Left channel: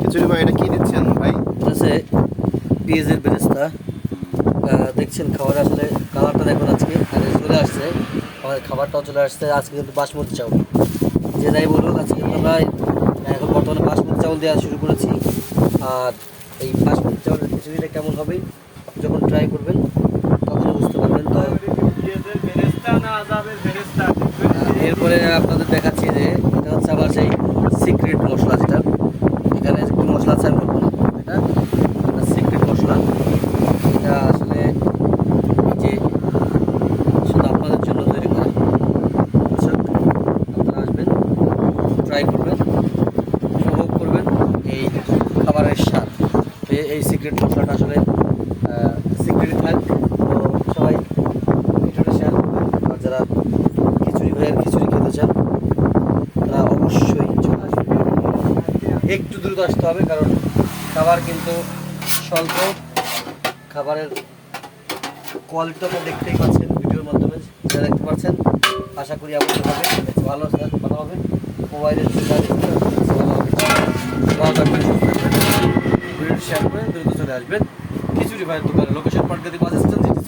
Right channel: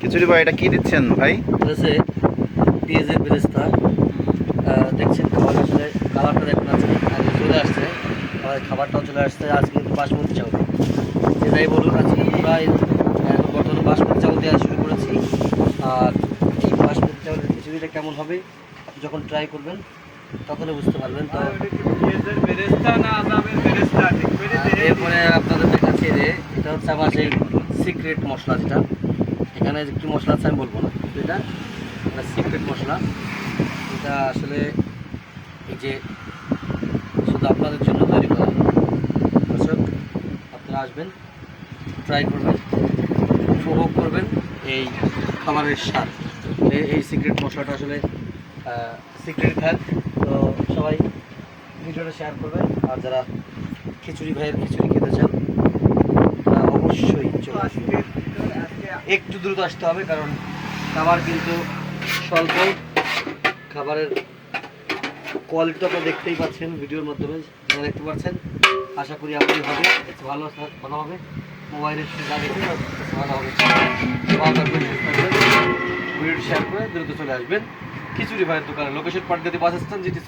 খিচুড়ি ভাই, এটা কি দিচ্ছেন ভাই? আছে পেঁয়াজের বেরেস্তা। দেখছেন খাবার আসলে খাবারটা দেখুন আজকে আর চলে আসছে, আমাদের খাবারটাও চলে আসছে আজকে। কিন্তু বাসমতি চাউল, যে যাই বলুন আজকে আমরা এখন বর্তমানে বাসমতি চাউল দেওয়া শুরু করেছি। আর এই বাসমতি চাউলের খিচুড়িটা কেমন হবে আপনি যখন ট্রাই করবেন তখনই বুঝতে পারবেন। এরপরে আপনাদের দেখাচ্ছি যে এটা হচ্ছে আমার সেই সিক্রেট মশলা, যেটা এখানে কী মশলা আছে আমি বলবো না, এটা সিক্রেট মশলা। এটা আসলে যে শুধু আপনাদের জন্য তৈরি করা। দর্শক, আপনারা আসবেন, ট্রাই করবেন, উপভোগ করবেন এই খাবারের স্বাদ। এই সিক্রেট মশলাটা আসলে সিক্রেট থাক। তো সবাই ভিডিওটা শেয়ার করবেন। আর যারা খিচুড়ি ভাইয়ের খিচুড়ি খেতে চান তারা অবশ্যই চলে আসবেন। একটু দ্রুত আসতে হবে, কারণ খাবার কিন্তু স্বল্প। খাবারের কোয়ালিটিটা আপনারা দেখতেই পাচ্ছেন ভিডিওর মাধ্যমে, যা দেখতে পাচ্ছেন। আশা করি আপনাদের কাছে ভালো কথা হবে। মোবাইলের যা দেখতে ভালো হবে। ভিডিওটি শেয়ার করে দ্রুত চলে আসবেন খিচুড়ি ভাইয়ের দোকানে, লোকেশন পাটগাতি বাস স্ট্যান্ড, যেটি